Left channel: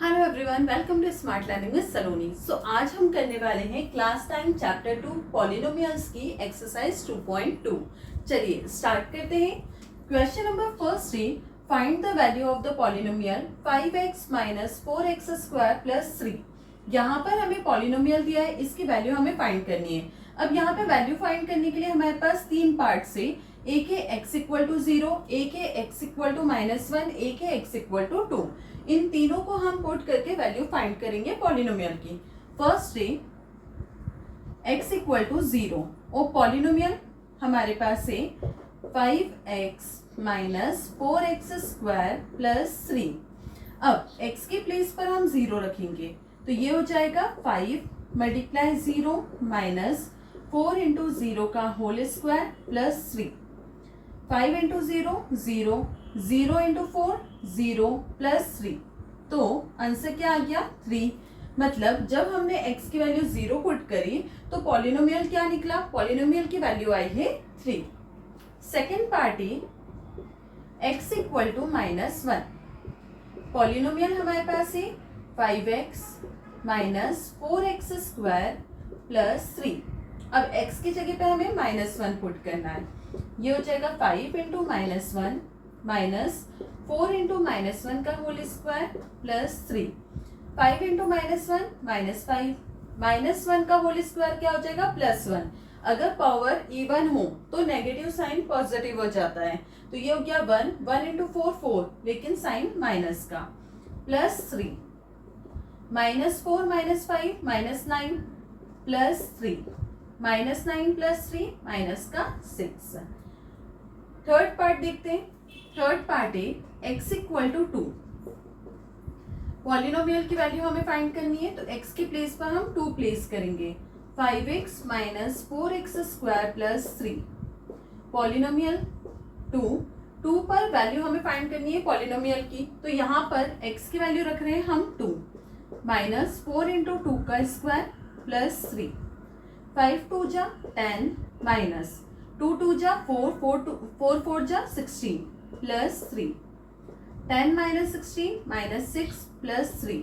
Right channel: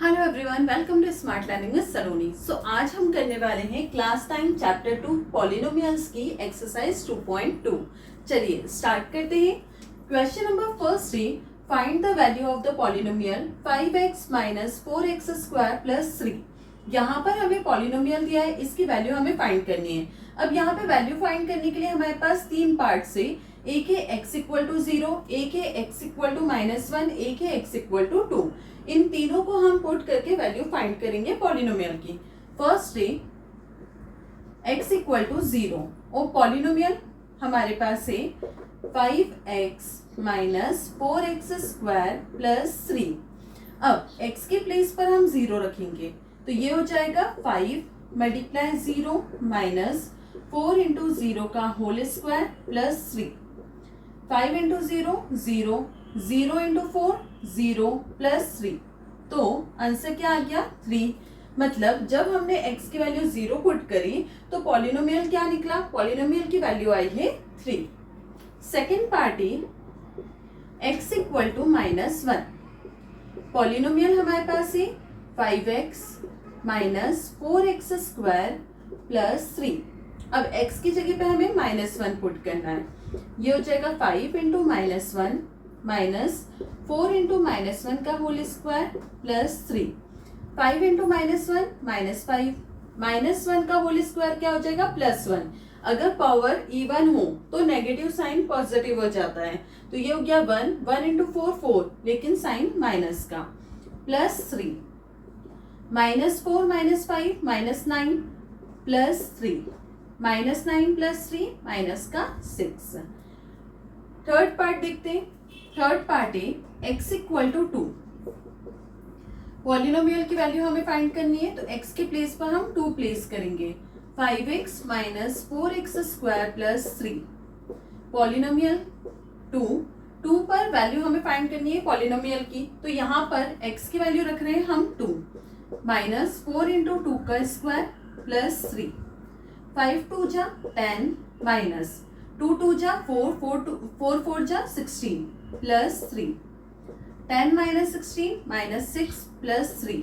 Hello everyone, welcome to smart learning with Saloni. आज हम करने वाले हैं क्लास 9 चैप्टर 2 पॉलिनोमियल्स की एक्सरसाइज 2.2। चलिए स्टार्ट करते हैं। क्वेश्चन नंबर फर्स्ट है, find the value of the polynomial 5x minus 4x square plus 3। यहाँ पर हमें पॉलिनोमियल दिया है, इसकी वैल्यू हमें फाइंड करनी है। अब यहाँ पे वैल्यू फाइंड करने के लिए हमारे पास तीन पार्ट्स है। एक है x इक्वल टू 0, एक है x इक्वल टू -1, एक है x इक्वल टू 2। इन तीनों को हम पुट करके वैल्यू फाइंड करेंगे पॉलिनोमियल की। फर्स्ट है x इक्वल टू 0 और पॉलिनोमियल हमारे पास है 5x minus 4x square plus 3। अब x के प्लेस पर हम 0 रखेंगे तो ये हो जाएगा 5 मल्टीप्लाई 0 माइनस 4 इंटू 0 का whole square plus 3। 5 into 0 0, 0 into 4 0 plus 3। तो आंसर क्या आ गया 3। मतलब जब हमने x की वैल्यू 0 पुट करी तो पॉलिनोमियल क्या निकला, पॉलिनोमियल की वैल्यू आई है 3। सेकेंड पार्ट है x इक्वल टू -1। पॉलिनोमियल हमारे पास है 5x minus 4x square plus 3। अब x की जगह पे हमें -1 पुट करना है। ये हो जाएगा 5 इंटू -1 माइनस 4 इंटू -1 का होल स्क्वायर प्लस 3। 5 इंटू -1 -5, -1 का होल स्क्वायर क्या हो जाएगा +1। अगर पावर इवन हो तो नेगेटिव साइन पॉजिटिव हो जाता है। तो ये हो गया 1 इंटू 4 4, लेकिन साइन माइनस का, प्लस 3 -4 -5 -9 प्लस 3, -9 प्लस 3 माइनस का 6। थर्ड पार्ट देखते हैं। थर्ड पार्ट है x इक्वल टू 2। पॉलिनोमियल की वैल्यू हमें फाइंड करनी है तो x के प्लेस पर हम 2 प्लेस करेंगे। 5x minus 4x square plus 3। Polynomial 2 पर वैल्यू हमें फाइंड करनी है पॉलिनोमियल की, तो यहाँ पर x की वैल्यू रख रहे हैं हम 2 माइनस 4 इंटू 2 का स्क्वायर प्लस 3। 5 2 जा 10 माइनस 2 2 जा 4 4 4 जा 16 plus 3। 10 minus 16 minus 6 plus 3,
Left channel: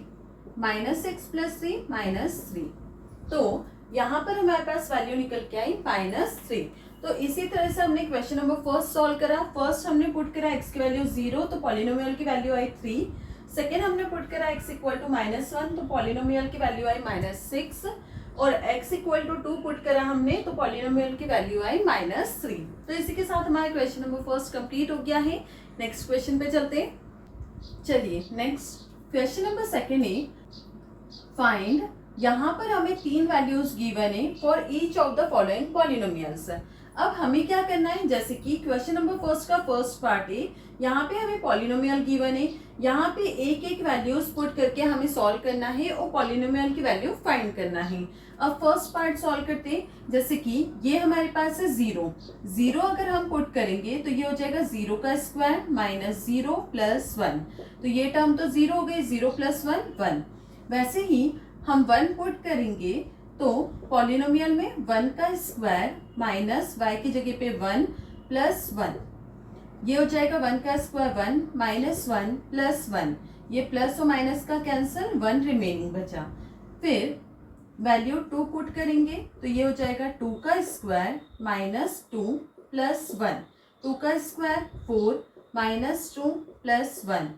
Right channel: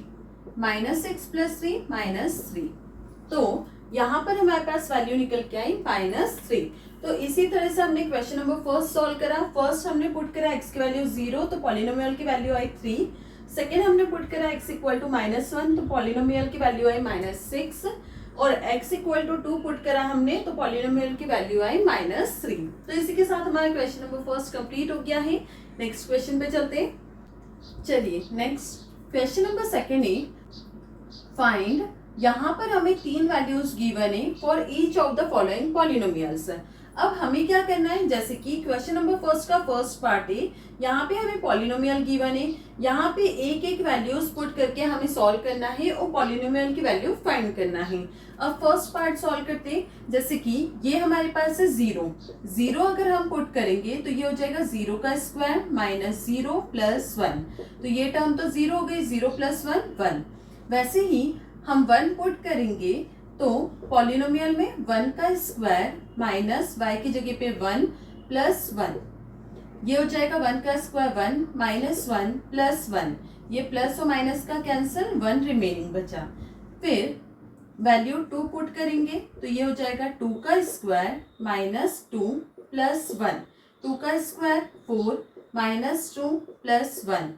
-6 plus 3 -3। तो यहाँ पर हमारे पास वैल्यू निकल के आई -3। तो इसी तरह से हमने क्वेश्चन नंबर फर्स्ट सॉल्व करा। फर्स्ट हमने पुट करा x की वैल्यू 0 तो पॉलिनोमियल की वैल्यू आई 3। सेकेंड हमने पुट करा x इक्वल टू -1 तो पॉलिनोमियल की वैल्यू आई -6 और x इक्वल टू 2 पुट करा हमने तो पॉलिनोमियल की वैल्यू आई -3। तो इसी के साथ हमारा क्वेश्चन नंबर फर्स्ट कंप्लीट हो गया है। नेक्स्ट क्वेश्चन पे चलते हैं। चलिए नेक्स्ट क्वेश्चन नंबर सेकेंड है, फाइंड। यहाँ पर हमें 3 वैल्यूज गिवन है for each of the following polynomials. अब हमें क्या करना है, जैसे कि क्वेश्चन नंबर फर्स्ट का फर्स्ट पार्ट है, यहाँ पे हमें पॉलिनोमियल गिवन है। यहाँ पे एक एक वैल्यूज पुट करके हमें सॉल्व करना है और पॉलिनोमियल की वैल्यू फाइंड करना है। अब फर्स्ट पार्ट सॉल्व करते हैं। जैसे कि ये हमारे पास है 0 अगर हम पुट करेंगे तो ये हो जाएगा 0 का स्क्वायर माइनस 0 प्लस 1। तो ये टर्म तो 0 हो गई, 0 प्लस 1 1। वैसे ही हम 1 पुट करेंगे तो पॉलिनोमियल में 1 का स्क्वायर माइनस y की जगह पे 1 प्लस 1। ये हो जाएगा 1 का स्क्वायर 1 माइनस 1 प्लस 1। ये प्लस और माइनस का कैंसिल, 1 रिमेनिंग बचा। फिर वैल्यू 2 पुट करेंगे तो ये हो जाएगा 2 का स्क्वायर माइनस 2 प्लस 1। 2 का square 4 minus 2 plus 1।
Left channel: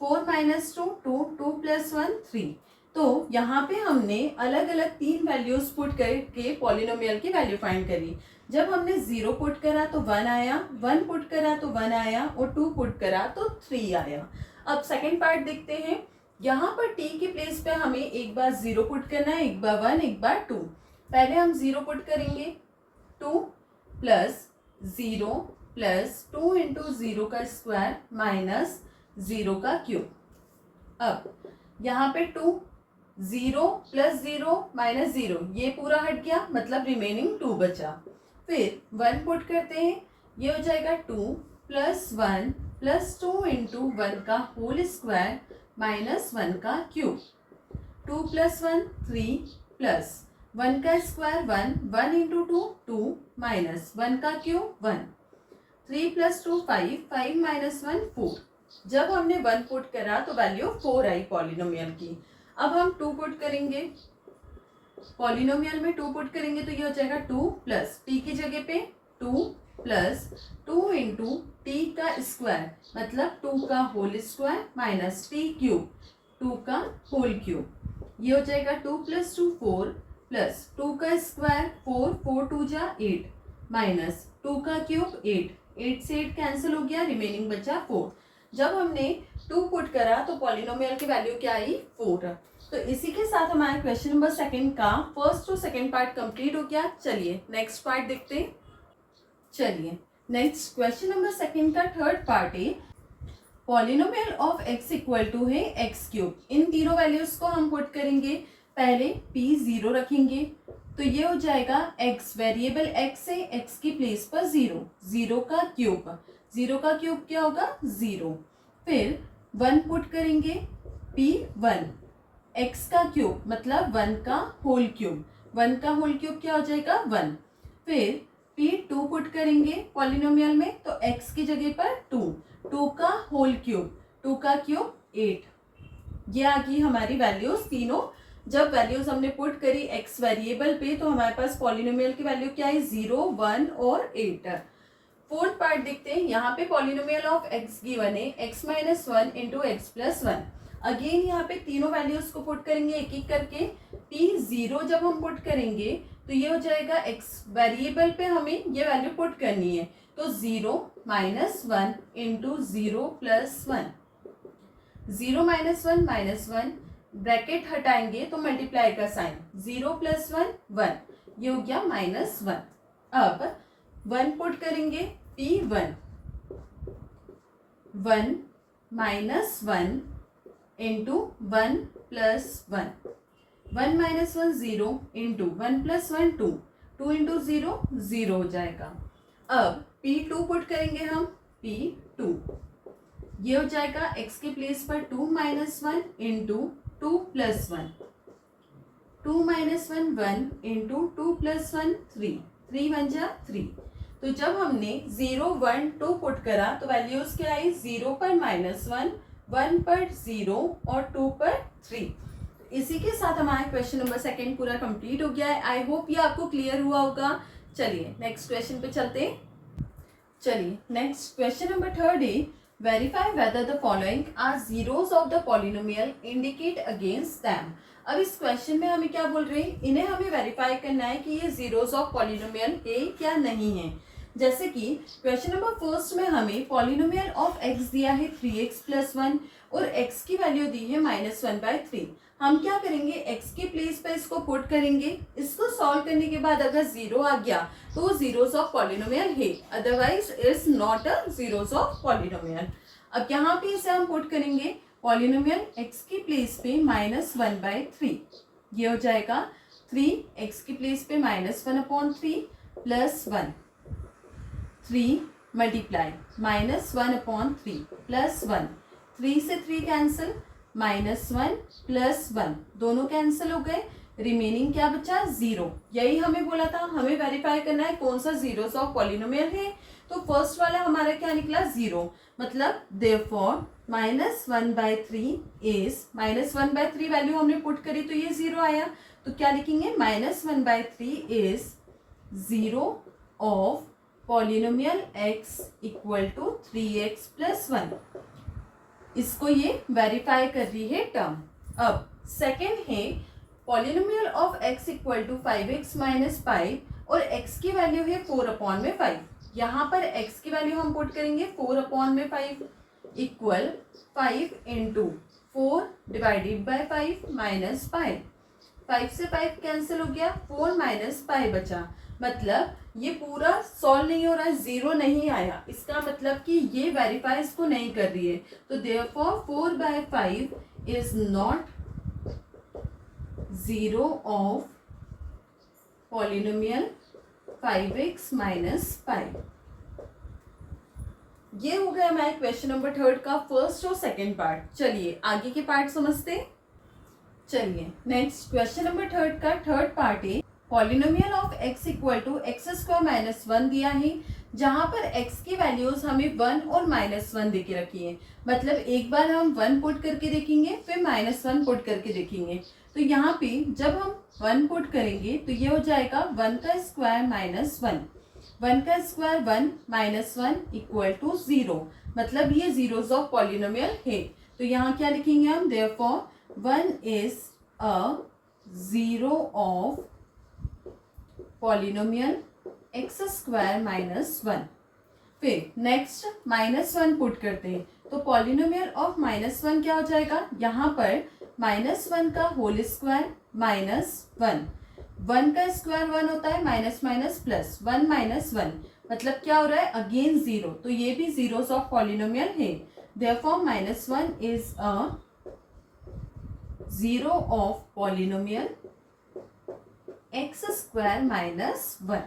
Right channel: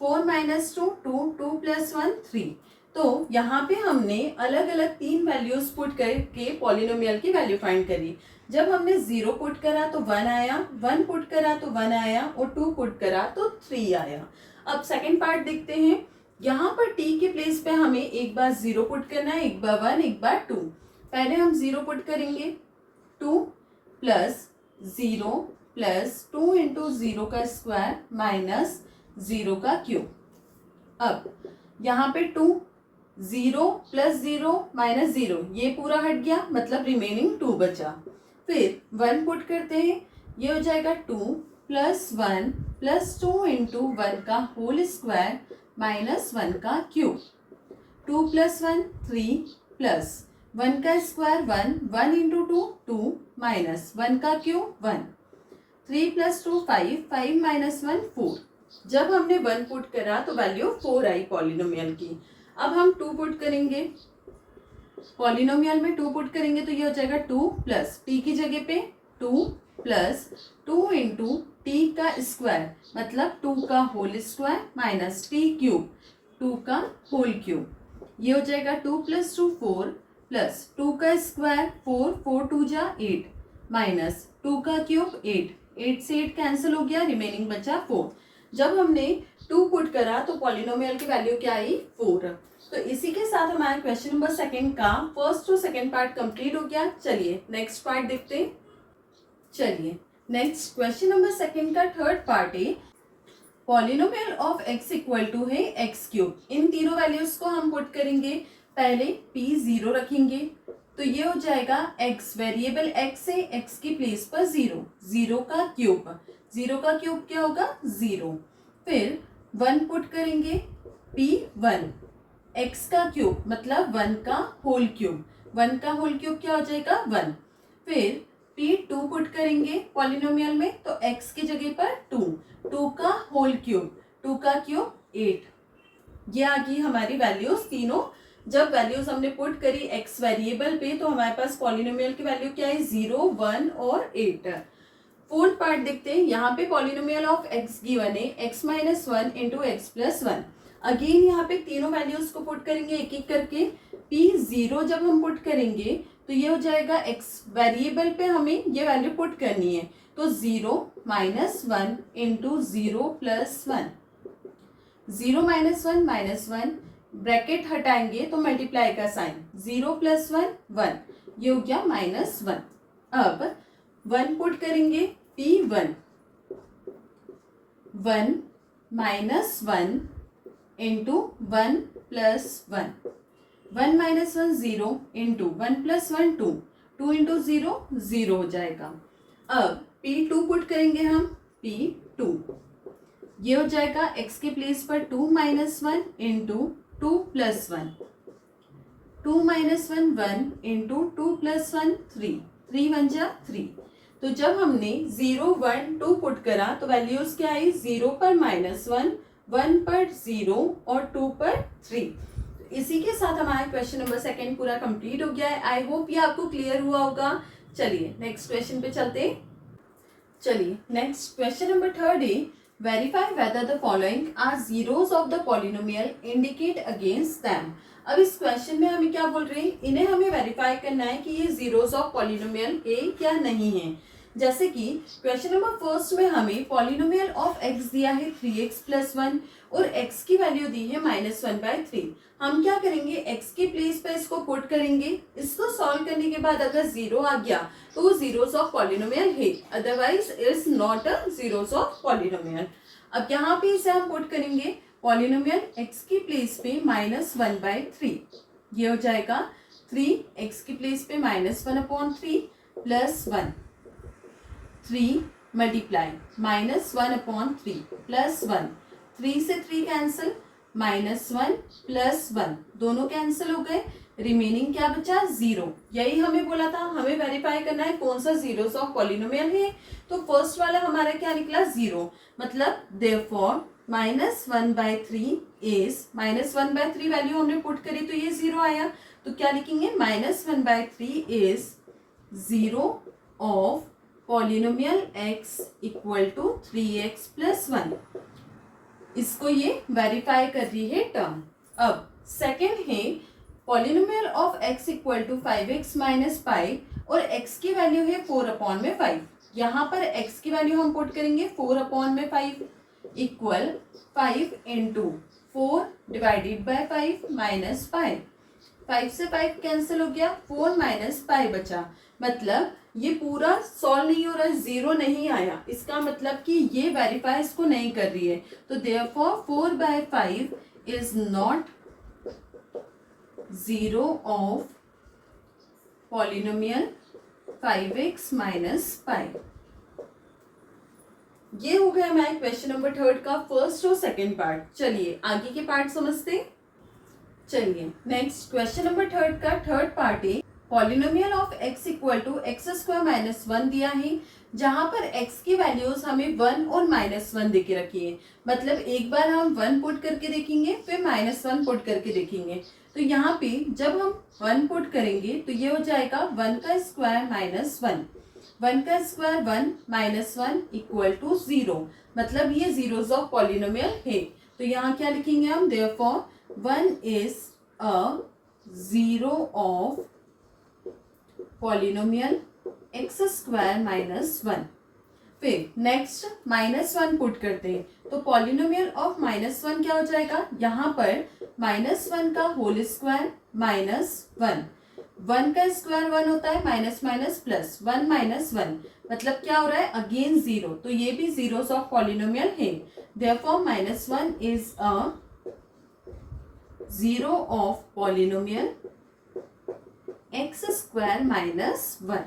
4 minus 2 2 2 plus 1 3। तो यहाँ पे हमने अलग अलग 3 वैल्यूज पुट करके पॉलिनोमियल की वैल्यू फाइंड करी। जब हमने 0 पुट करा तो 1 आया, 1 पुट करा तो 1 आया और 2 पुट करा तो 3 आया। अब सेकंड पार्ट देखते हैं। यहाँ पर t के प्लेस पे हमें एक बार 0 पुट करना है, एक बार 1, एक बार 2। पहले हम 0 पुट करेंगे, 2 प्लस 0 प्लस 2 इंटू 0 का स्क्वायर माइनस 0 का क्यूब। अब यहाँ पे 2 0 प्लस 0 माइनस 0, ये पूरा हट गया, मतलब रिमेनिंग 2 बचा। फिर 1 पुट करते हैं, ये हो जाएगा 2 प्लस 1 प्लस 2 इंटू 1 का होल स्क्वायर माइनस 1 का क्यूब। 2 प्लस 1 3 प्लस 1 का स्क्वायर 1, 1 इंटू 2 2 माइनस 1 का क्यूब 1। 3 plus 2 5, 5 minus 1 4। जब हमने 1 पुट करा तो वैल्यू 4 आई पॉलिनोमियल की। अब हम 2 पुट करेंगे, पॉलिनोमियल में 2 पुट करेंगे तो ये हो जाएगा 2 प्लस टी की जगह पे 2 प्लस 2 इंटू टी का स्क्वायर, मतलब 2 का whole square minus T cube, 2 का होल क्यूब। ये हो जाएगा 2 प्लस 2 4 प्लस 2 का स्क्वायर 4, 4 2 जा 8 माइनस 2 का क्यूब 8, 8 से 8 कैंसिल हो गया, रिमेनिंग बचा 4। जब हमने 2 पुट करा तो पॉलिनोमियल की वैल्यू क्या आई 4। तो इसी के साथ हमारा क्वेश्चन नंबर सेकंड का first to second part complete हो गया। चलिए नेक्स्ट पार्ट देखते हैं। चलिए नेक्स्ट क्वेश्चन नंबर सेकंड का थर्ड पार्ट है polynomial of x equal to है एक्स क्यूब। इन तीनों वैल्यूज को हम पुट करेंगे। पहले p 0 रखेंगे तो ये हो जाएगा x, वेरिएबल x है, x की प्लेस पर 0, 0 का क्यूब, 0 का क्यूब क्या होगा 0। फिर 1 पुट करेंगे p 1, x का क्यूब मतलब 1 का होल क्यूब, 1 का होल क्यूब क्या हो जाएगा 1। फिर p 2 पुट करेंगे पॉलिनोमियल में तो x की जगह पर 2, 2 का होल क्यूब, 2 का क्यूब 8। ये आ गई हमारी वैल्यूज तीनों। जब वैल्यूज हमने पुट करी x वेरिएबल पे तो हमारे पास पॉलिनोमियल की वैल्यू क्या है 0, 1 और 8। फोर्थ पार्ट देखते हैं। यहाँ पे पॉलिनोमियल ऑफ x गिवन है x minus 1 into x plus 1। Again यहाँ पे तीनों वैल्यूज को पुट करेंगे एक एक करके। p 0 जब हम पुट करेंगे तो ये हो जाएगा x वेरिएबल पे हमें ये वैल्यू पुट करनी है तो 0 minus 1 into 0 plus 1, 0 minus 1 minus 1, bracket हटाएंगे तो मल्टीप्लाई का साइन, 0 प्लस 1 1, ये हो गया माइनस 1। अब 1 पुट करेंगे p1, 1 minus 1 into 1 plus 1, 1 minus 1 0 into 1 plus 1 2, 2 into 0 0 हो जाएगा। अब p2 पुट करेंगे हम p2, ये हो जाएगा x के प्लेस पर 2 minus 1 into 2 plus 1, 2 minus 1 1 into 2 plus 1 3, 3 1 जा 3। तो जब हमने 0 1 2 पुट करा तो वैल्यूज क्या आई 0 पर माइनस 1, 1 पर 0 और 2 पर 3। इसी के साथ हमारा क्वेश्चन नंबर सेकंड पूरा कंप्लीट हो गया है। आई होप ये आपको क्लियर हुआ होगा। चलिए नेक्स्ट क्वेश्चन पे चलते हैं। चलिए नेक्स्ट क्वेश्चन नंबर थर्ड है verify whether the following are zeros of the polynomial indicate against them. अब इस क्वेश्चन में हमें क्या बोल रहे हैं, इन्हें हमें वेरीफाई करना है कि ये जीरोस ऑफ पॉलिनोमियल है या नहीं है। जैसे कि क्वेश्चन नंबर फर्स्ट में हमें पॉलिनोमियल ऑफ x दिया है 3x प्लस 1 और x की वैल्यू दी है -1/3। हम क्या करेंगे x के प्लेस पे इसको पुट करेंगे। इसको सॉल्व करने के बाद अगर 0 आ गया तो वो जीरोस ऑफ पॉलिनोमियल है, otherwise is not a zeros of polynomial. अब यहाँ पे इसे हम पुट करेंगे पॉलिनोमियल x की प्लेस पे -1/3, ये हो जाएगा 3x की प्लेस पे -1/3 प्लस 1, 3 मल्टीप्लाई -1/3 प्लस 1, 3 से 3 कैंसिल, -1 प्लस 1 दोनों कैंसिल हो गए, रिमेनिंग क्या बचा 0। यही हमें बोला था, हमें वेरीफाई करना है कौन सा जीरोस ऑफ पॉलिनोमियल है। तो फर्स्ट वाला हमारा क्या निकला 0, मतलब देयरफॉर -1/3 इज, -1/3 वैल्यू हमने पुट करी तो ये 0 आया। तो क्या लिखेंगे -1/3 is 0 of polynomial x equal to 3x plus 1। इसको ये वेरीफाई कर रही है टर्म। अब सेकंड है polynomial of x equal to 5x minus pi और x की वैल्यू है 4/5। यहाँ पर x की वैल्यू हम पुट करेंगे 4/5 equal 5 into 4 divided by 5 minus pi, 5 से 5 कैंसिल हो गया, 4 माइनस पाई बचा। मतलब ये पूरा सॉल्व नहीं हो रहा है, 0 नहीं आया, इसका मतलब कि ये वेरीफाई इसको नहीं कर रही है। तो therefore 4/5 is not 0 of polynomial 5x minus pi. ये हो गया हमारे क्वेश्चन नंबर थर्ड का फर्स्ट और सेकंड पार्ट। चलिए आगे के पार्ट समझते। चलिए नेक्स्ट क्वेश्चन नंबर थर्ड का थर्ड पार्ट है polynomial of x equal to x² - 1 दिया है जहां पर x की वैल्यूज हमें 1 और -1 दे के रखी है, मतलब एक बार हम 1 पुट करके देखेंगे फिर -1 पुट करके देखेंगे। तो यहाँ पे जब हम 1 पुट करेंगे तो ये हो जाएगा 1 का स्क्वायर -1, 1 का स्क्वायर 1 -1 इक्वल टू 0, मतलब ये जीरोस ऑफ पॉलिनोमियल है। तो यहाँ क्या लिखेंगे हम, therefore 1 is a zero of polynomial x square -1। फिर नेक्स्ट -1 पुट करते हैं, तो पॉलिनोमियल ऑफ -1 क्या हो जाएगा, यहाँ पर -1 का होल स्क्वायर -1, 1 का स्क्वायर 1 होता है, माइनस माइनस प्लस 1 -1, मतलब क्या हो रहा है, अगेन 0, तो ये भी जीरोस ऑफ पॉलिनोमियल है। Therefore -1 is a zero of polynomial x square -1।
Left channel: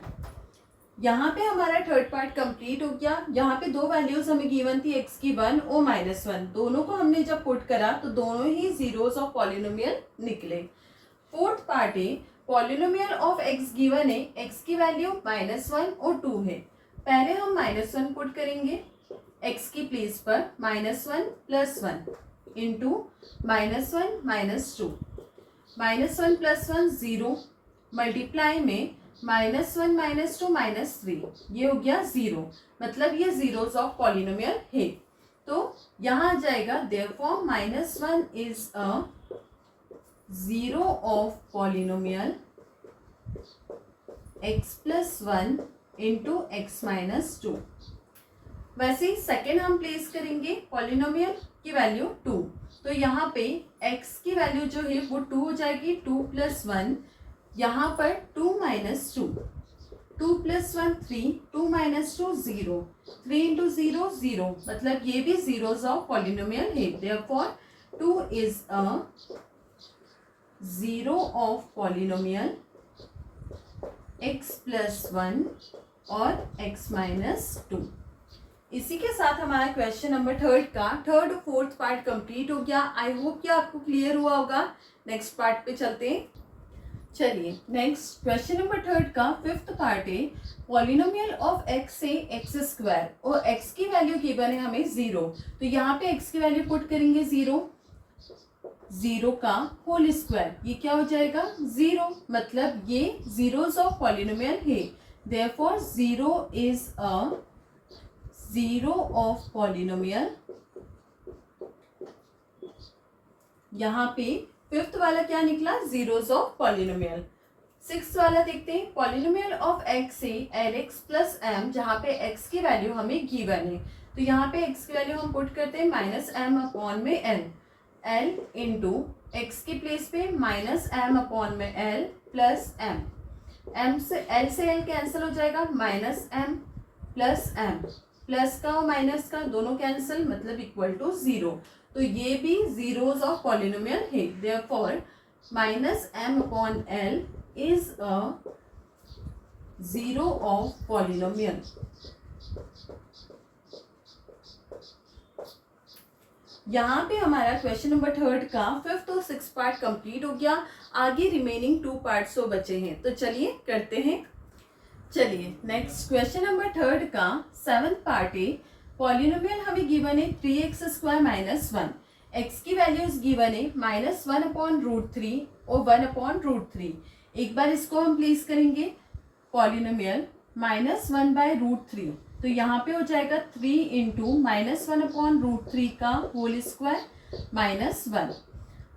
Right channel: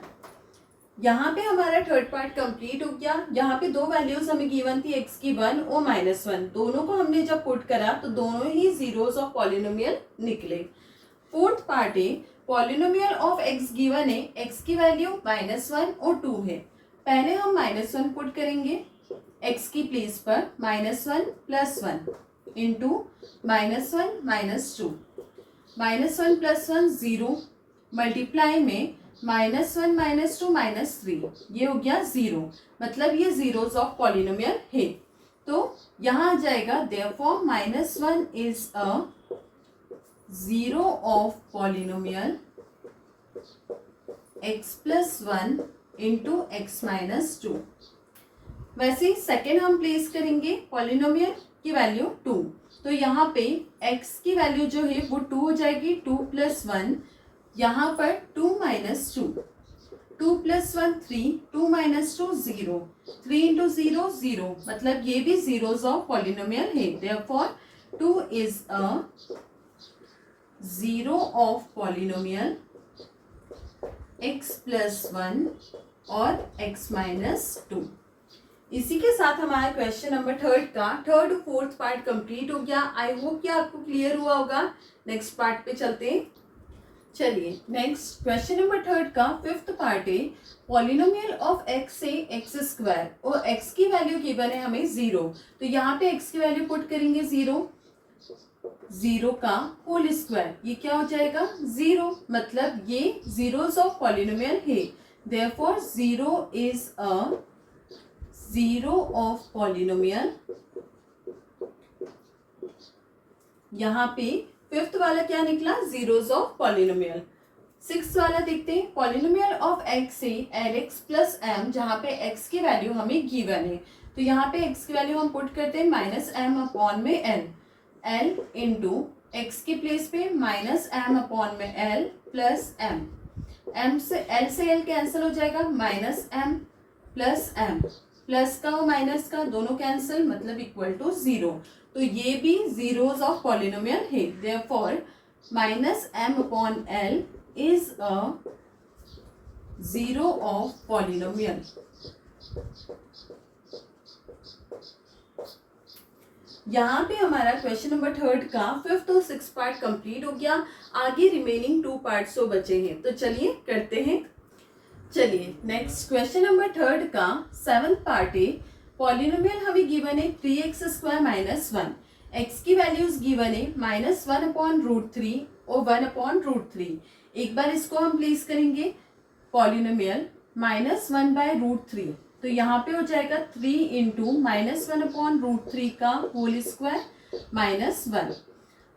यहाँ पे हमारा थर्ड पार्ट कंप्लीट हो गया। यहाँ पे दो वैल्यूज हमें गिवन थी, एक्स की 1 और -1, दोनों को हमने जब पुट करा तो दोनों ही जीरोस ऑफ पॉलिनोमियल निकले। फोर्थ पार्ट है, पॉलिनोमियल ऑफ एक्स गिवन है, एक्स की वैल्यू -1 और 2 है। पहले हम -1 पुट करेंगे एक्स की प्लेस पर, -1 + 1 इंटू -1 -2, -1 + 1 0, मल्टीप्लाई में -1 -2 -3, ये हो गया 0, मतलब ये जीरोस ऑफ पॉलिनोमियल है। तो यहाँ आ जाएगा therefore -1 is a zero of polynomial x + 1 into x - 2। वैसे ही सेकेंड हम प्लेस करेंगे पॉलिनोमियल की वैल्यू 2, तो यहाँ पे x की वैल्यू जो है वो 2 हो जाएगी, 2 + 1, यहाँ पर 2 - 2, 2 + 1 3, 2 - 2 0, 3 इंटू 0 0, मतलब ये भी जीरोस ऑफ पॉलिनोमियल है। Therefore 2 is a zero of polynomial x + 1 और x - 2। इसी के साथ हमारा question number third fourth part complete हो गया। आई होप कि आपको क्लियर हुआ होगा। नेक्स्ट पार्ट पे चलते हैं। चलिए नेक्स्ट क्वेश्चन नंबर थर्ड का फिफ्थ पार्ट है, पॉलिनोमियल ऑफ x से x² और x की वैल्यू गिवन है हमें 0, तो यहाँ पे x की वैल्यू पुट करेंगे 0, 0 का होल स्क्वायर, ये क्या हो जाएगा 0, मतलब ये जीरोस ऑफ पॉलिनोमियल है। Therefore 0 is a zero of polynomial. यहाँ पे फिफ्थ वाला क्या निकला, जीरोस ऑफ पॉलिनोमियल। सिक्स्थ वाला देखते हैं, पॉलिनोमियल ऑफ x से lx + m, जहाँ पे x की वैल्यू हमें गिवन है, तो यहाँ पे x की वैल्यू हम पुट करते हैं -m/l, l इंटू एक्स की प्लेस पे -m/l प्लस m, m से l कैंसिल हो जाएगा, -m + m, प्लस का और माइनस का दोनों कैंसिल, मतलब इक्वल टू 0, तो ये भी जीरोस ऑफ पॉलिनोमियल है। Therefore -m/l is a zero of polynomial. यहाँ पे हमारा क्वेश्चन नंबर थर्ड का फिफ्थ और सिक्स्थ पार्ट कंप्लीट हो गया। आगे रिमेनिंग 2 पार्ट्स तो बचे हैं, तो चलिए करते हैं। चलिए नेक्स्ट क्वेश्चन नंबर थर्ड का सेवंथ पार्ट है, पॉलिनोमियल हमें गिवन है 3x² - 1, x की वैल्यूज गिवन है -1/√3 और 1/√3। एक बार इसको हम प्लेस करेंगे, पॉलिनोमियल -1/√3, तो यहाँ पे हो जाएगा 3 इंटू -1/√3 का होल स्क्वायर -1।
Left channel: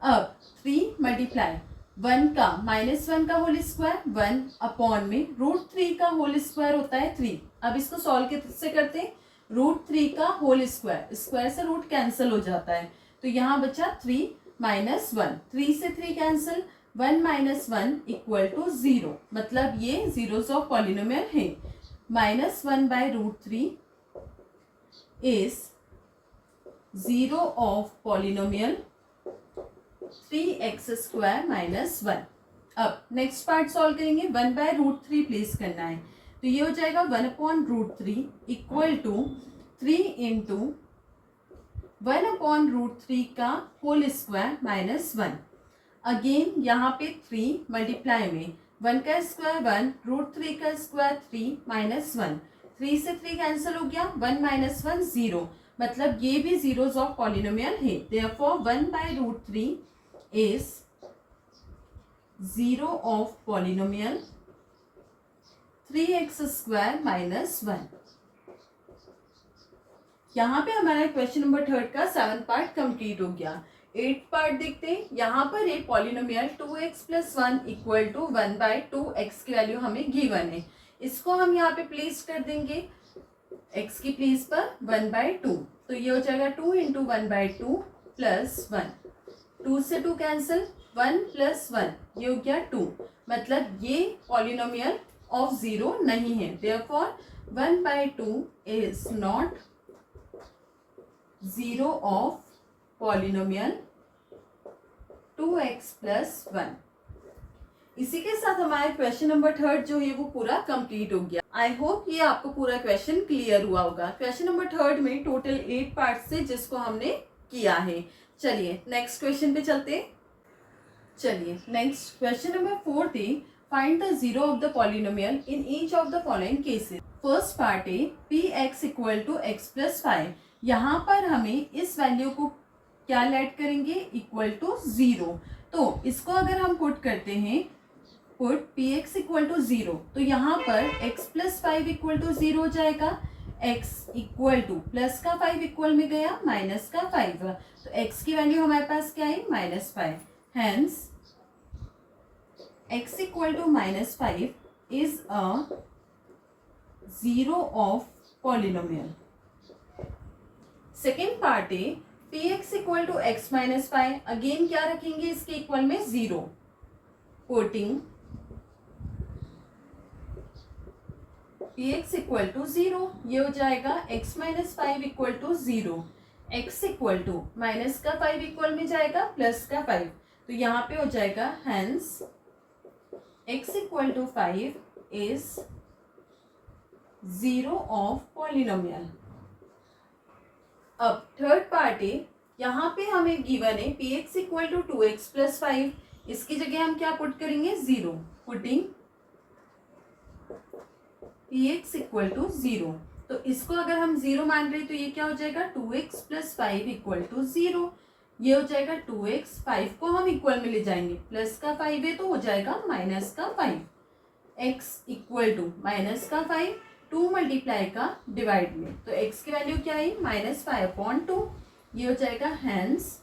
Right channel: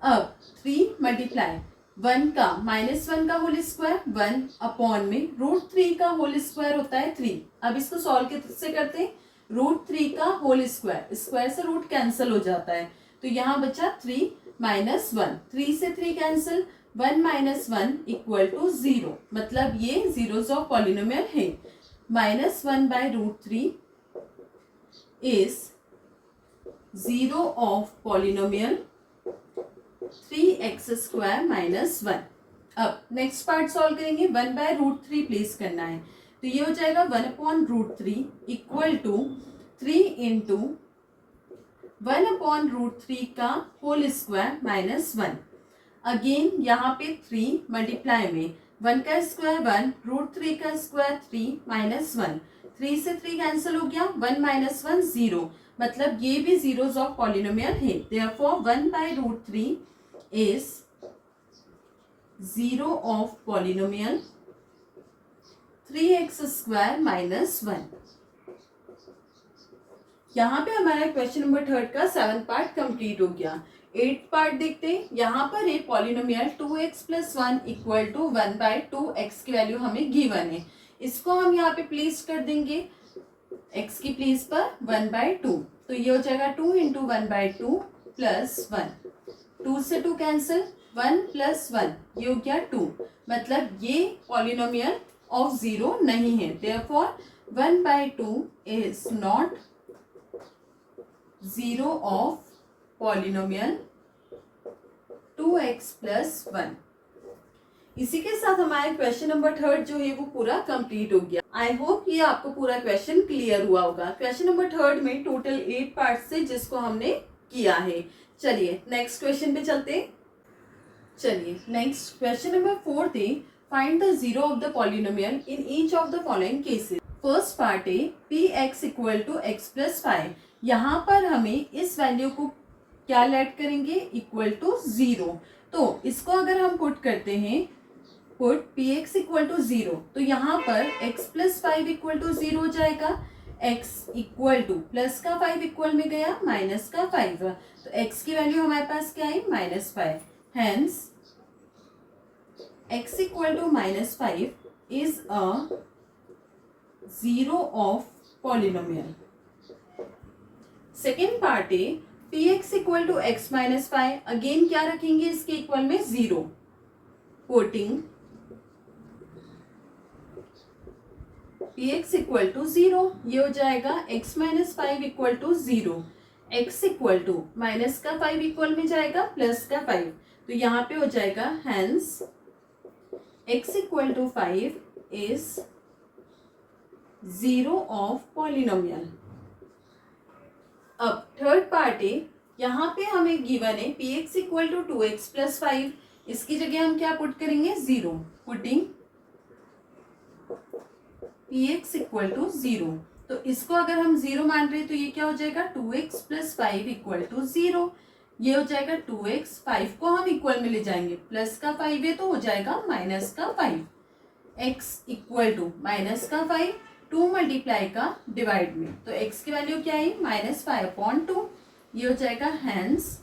अब 3 मल्टीप्लाई 1 का -1 का होल स्क्वायर 1 अपॉन में √3 का होल स्क्वायर होता है 3। अब इसको सॉल्व कैसे करते हैं, √3 का होल स्क्वायर, स्क्वायर से रूट कैंसिल हो जाता है, तो यहाँ बचा 3 - 1, 3 से 3 कैंसिल, 1 - 1 इक्वल टू 0, मतलब ये जीरोस ऑफ पॉलिनोमियल है। -1/√3 is zero of polynomial 3x² - 1। अब नेक्स्ट पार्ट सॉल्व करेंगे, 1/√3 प्लेस करना है, तो ये हो जाएगा 1/√3 इक्वल टू 3 इंटू 1/√3 का होल स्क्वायर -1। अगेन यहाँ पे 3 मल्टीप्लाई में 1 का स्क्वायर 1, √3 का स्क्वायर 3 -1, 3 से 3 कैंसिल हो गया, 1 माइनस 1 0, मतलब ये भी जीरोस ऑफ पॉलिनोमियल है। Therefore 1/√3 is zero of polynomial 3x² minus 1। यहाँ पे हमारा क्वेश्चन नंबर 3 का 7 पार्ट कंप्लीट हो गया। 8 पार्ट देखते हैं। यहाँ पर है polynomial 2x + 1 equal to 1/2, x की वैल्यू हमें गिवन है। इसको हम यहाँ पे प्लेस कर देंगे x की प्लेस पर 1/2, तो ये हो जाएगा 2 × 1/2 + 1, 2 से 2 कैंसिल, 1 + 1 ये हो गया 2, मतलब ये पॉलिनोमियल ऑफ जीरो नहीं है। Therefore 1/2 is not zero of polynomial 2x + 1। इसी के साथ हमारे क्वेश्चन नंबर 3 जो है वो पूरा कंप्लीट हो गया। आई होप ये आपको पूरा क्वेश्चन क्लियर हुआ होगा। क्वेश्चन नंबर 3 में टोटल 8 पार्ट से जिसको हमने किया है। चलिए नेक्स्ट क्वेश्चन पे चलते हैं। चलिए नेक्स्ट क्वेश्चन नंबर 4 है, find the zero of the polynomial in each of the following cases. First part है px = x + 5। यहाँ पर हमें इस वैल्यू को क्या लेट करेंगे, इक्वल टू 0। तो इसको अगर हम पुट करते हैं, पुट px = 0, तो यहाँ पर x + 5 = 0 हो जाएगा। x = प्लस का 5 इक्वल में गया माइनस का 5, तो x की वैल्यू हमारे पास क्या है, -5। Hence x = -5 is a zero of polynomial. Second part है px = x - 5। अगेन क्या रखेंगे इसके इक्वल में 0, पुटिंग px = 0, ये हो जाएगा x - 5 = 0, x = माइनस का 5 इक्वल में जाएगा प्लस का 5, तो यहाँ पे हो जाएगा hence x = 5 is zero of polynomial. अब थर्ड पार्ट है, यहाँ पे हमें गिवन है px = 2x + 5। इसकी जगह हम क्या पुट करेंगे, 0, पुटिंग px = 0। तो इसको अगर हम 0 मान रहे हैं तो ये क्या हो जाएगा, 2x + 5 = 0, ये हो जाएगा 2x, 5 को हम इक्वल में ले जाएंगे, प्लस का 5 है तो हो जाएगा माइनस का 5, x = माइनस का 5, 2 मल्टीप्लाई का डिवाइड में, तो x की वैल्यू क्या है, -5/2, ये हो जाएगा hence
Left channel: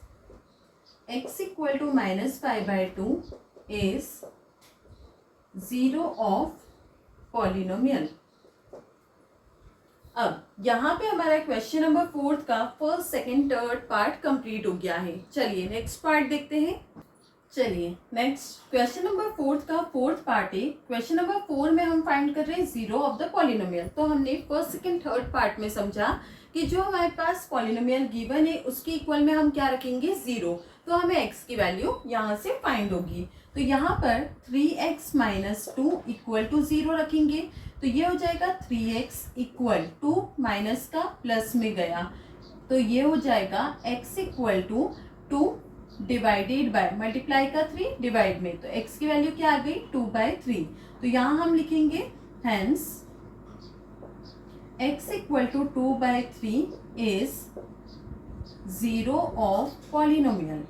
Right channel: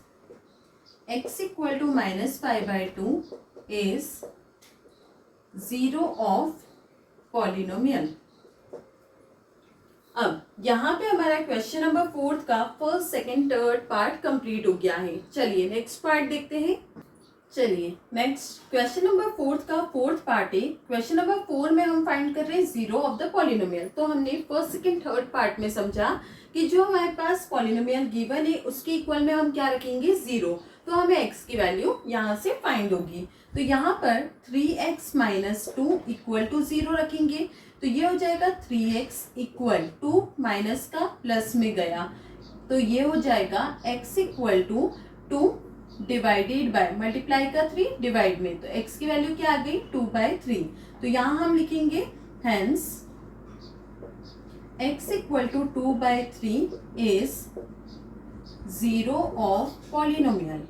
x = -5/2 is zero of polynomial. अब यहाँ पे हमारा क्वेश्चन नंबर 4 का first, second, third part complete हो गया है। चलिए नेक्स्ट पार्ट देखते हैं। चलिए नेक्स्ट क्वेश्चन नंबर 4 का फोर्थ पार्ट है। क्वेश्चन नंबर 4 में हम फाइंड कर रहे हैं जीरो ऑफ द पॉलिनोमियल। तो हमने फर्स्ट, सेकंड, थर्ड पार्ट में समझा कि जो हमारे पास पॉलिनोमियल गिवन है उसके इक्वल में हम क्या रखेंगे, 0, तो हमें x की वैल्यू यहाँ से फाइंड होगी। तो यहाँ पर 3x - 2 = 0 रखेंगे, तो ये हो जाएगा 3x = माइनस का प्लस में गया, तो ये हो जाएगा x = 2 डिवाइडेड बाय, मल्टीप्लाई का 3 डिवाइड में, तो x की वैल्यू क्या आ गई, 2/3। तो यहाँ हम लिखेंगे hence x = 2/3 is zero of polynomial.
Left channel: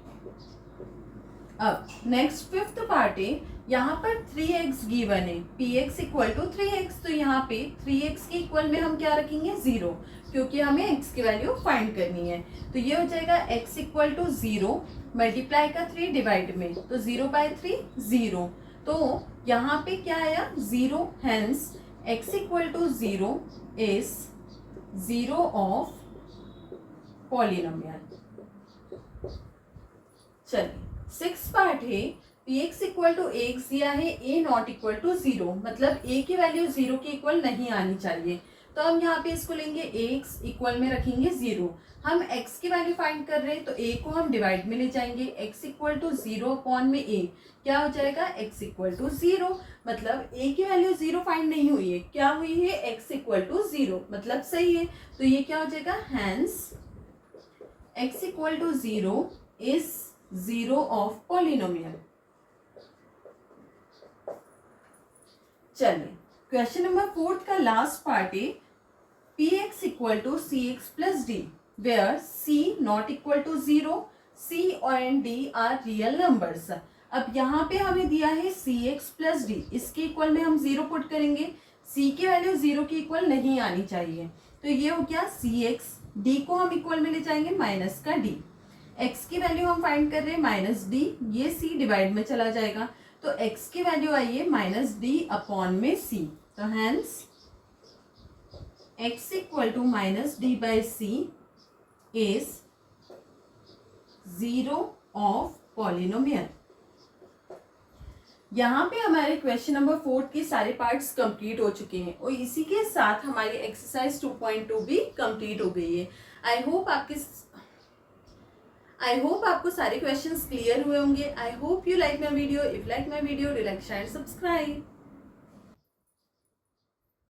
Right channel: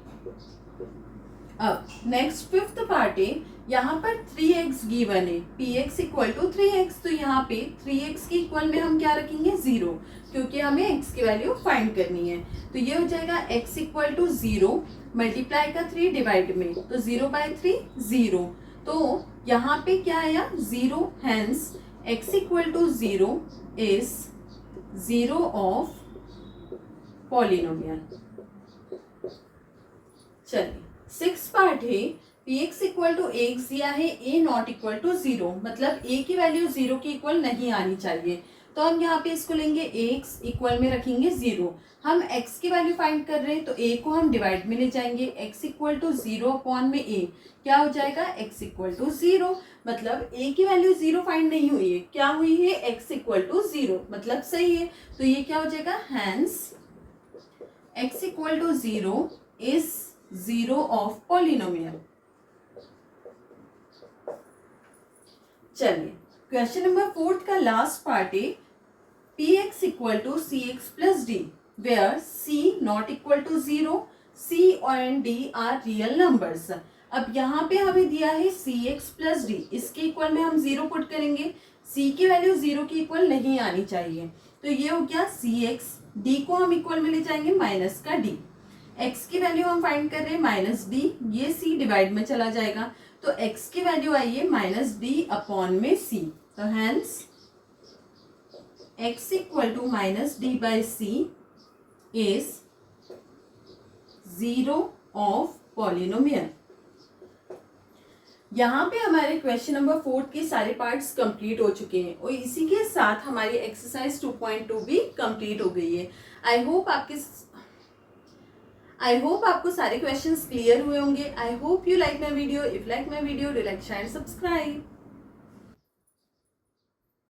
अब नेक्स्ट फिफ्थ पार्ट है, यहाँ पर 3x गिवन है, px = 3x, तो यहाँ पे 3x के इक्वल में हम क्या रखेंगे, 0, क्योंकि हमें x की वैल्यू फाइंड करनी है। तो ये हो जाएगा x = 0 मल्टीप्लाई का 3 डिवाइड में, तो 0/3 0, तो यहाँ पे क्या आया, 0, hence x = 0 is zero of polynomial. चलिए सिक्स पार्ट है, px = x दिया है, a ≠ 0, मतलब a की वैल्यू 0 के इक्वल नहीं आनी चाहिए, तो हम यहाँ पे इसको लेंगे, x इक्वल में रखेंगे 0। हम x की वैल्यू फाइंड कर रहे हैं तो a को हम डिवाइड में ले जाएंगे, x = 0/a, क्या हो जाएगा, x = 0, मतलब a की वैल्यू 0 फाइंड नहीं हुई है, क्या हुई है, x = 0, मतलब सही है, तो ये क्या हो जाएगा, hence x = 0 is zero of polynomial. चलिए क्वेश्चन नंबर 4 का लास्ट पार्ट है, px equal to cx plus d, where c not equal to 0, c and d are real numbers. अब यहाँ पे हमें दिया है cx plus d, इसके इक्वल में हम 0 पुट करेंगे, c की वैल्यू 0 की इक्वल नहीं आनी चाहिए, तो ये हो गया cx, d को हम इक्वल में ले जाएंगे माइनस का d, x की वैल्यू हम फाइंड कर रहे हैं माइनस d, ये c डिवाइड में चला जाएगा, तो x की वैल्यू आई है माइनस d अपॉन में c, तो hence x equal to minus d by C is 0 of polynomial. यहाँ पे हमारे क्वेश्चन नंबर 4 के सारे पार्ट्स कंप्लीट हो चुके हैं और इसी के साथ हमारी एक्सरसाइज 2.2 भी कंप्लीट हो गई है। आई होप आपको सारे क्वेश्चंस क्लियर हुए होंगे। I hope you like my video. If like my video, do like, share, subscribe.